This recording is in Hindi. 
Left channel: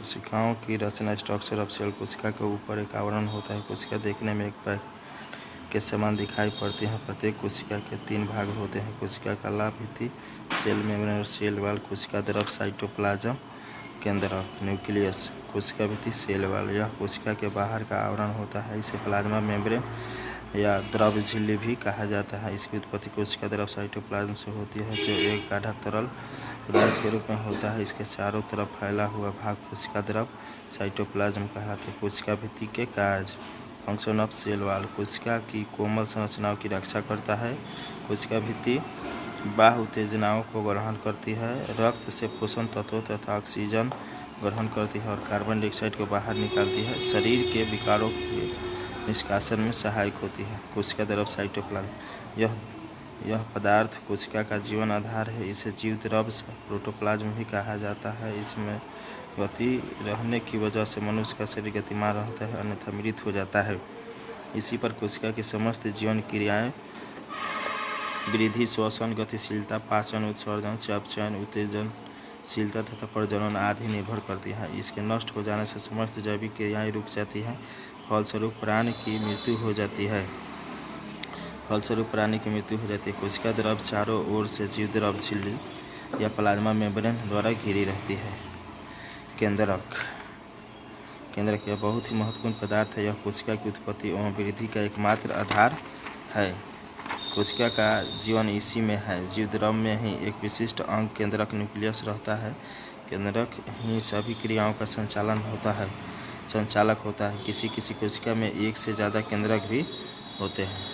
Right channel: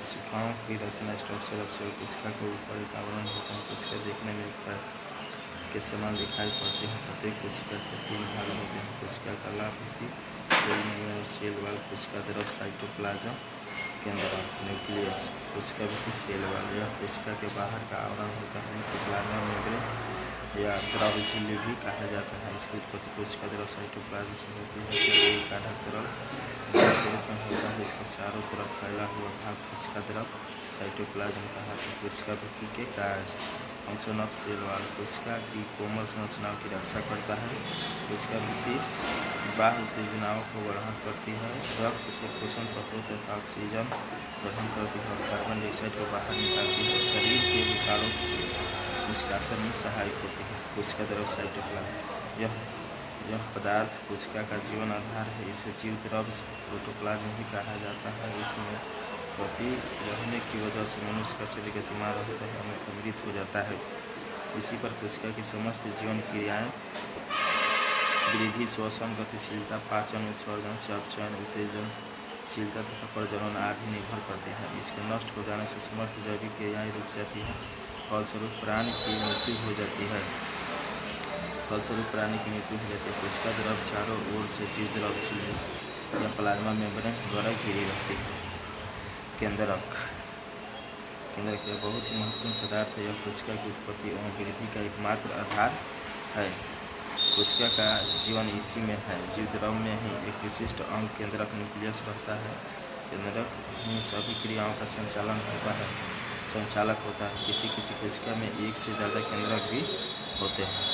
कोशिकाओं की रचना स्ट्रक्चर ऑफ सेल। कोशिका के ऊपर एक आवरण होता है। कोशिका देखने में एक पैक के समान दिखाई पड़ती है। प्रत्येक कोशिका के 3 भाग होते हैं। कोशिका का लाभ भित्ति, सेल मेम्ब्रेन और सेल वॉल। कोशिका द्रव, साइटोप्लाज्म, केंद्रक, न्यूक्लियस। कोशिका भित्ति, सेल वॉल, यह कोशिका के बाहर का आवरण होता है। इसे प्लाज्मा मेम्ब्रेन या द्रव झिल्ली भी कहा जाता है। इसकी उत्पत्ति कोशिका द्रव साइटोप्लाज्म से होती है, जो एक गाढ़ा तरल पदार्थ के रूप में होता है। इसके चारों तरफ फैला हुआ भाग कोशिका द्रव साइटोप्लाज्म कहलाता है। कोशिका भित्ति के कार्य। Function of cell wall. कोशिका की कोमल संरचनाओं की रक्षा करता है। कोशिका भित्ति बाह्य उत्तेजनाओं को ग्रहण करती है, रक्त से पोषण तत्वों तथा ऑक्सीजन ग्रहण करती है और कार्बन डाइऑक्साइड को बाहर निकालती है। शरीर के विकारों के निष्कासन में सहायक होती है। कोशिका द्रव साइटोप्लाज्म। यह पदार्थ कोशिका का जीवन आधार है। इसे जीव द्रव प्रोटोप्लाज्म भी कहा जाता है। इसमें गति रहने की वजह से मनुष्य का शरीर गतिमान रहता है, अन्यथा मृत हो जाता है। इसी पर कोशिका की समस्त जीवन क्रियाएं वृद्धि, श्वसन, गतिशीलता, पाचन, उत्सर्जन, चयापचय, उत्तेजनशीलता तथा प्रजनन आदि निर्भर करती है। इसके नष्ट हो जाने से समस्त जैविक क्रियाएं रुक जाती हैं। फलस्वरूप प्राणी की मृत्यु हो जाती है। कोशिका द्रव चारों ओर से जीव द्रव झिल्ली या प्लाज्मा मेम्ब्रेन द्वारा घिरी रहती है। केंद्रक यह बहुत ही महत्वपूर्ण पदार्थ है। यह कोशिका की उत्पत्ति एवं वृद्धि का एकमात्र आधार है। कोशिका का जीवन इसी में है। जीव द्रव में ही एक विशिष्ट अंग केंद्रक न्यूक्लियस रहता है। केंद्रक ही सभी क्रियाओं का संचालक होता है। किसी कोशिका में एक से ज़्यादा केंद्रक भी होते हैं।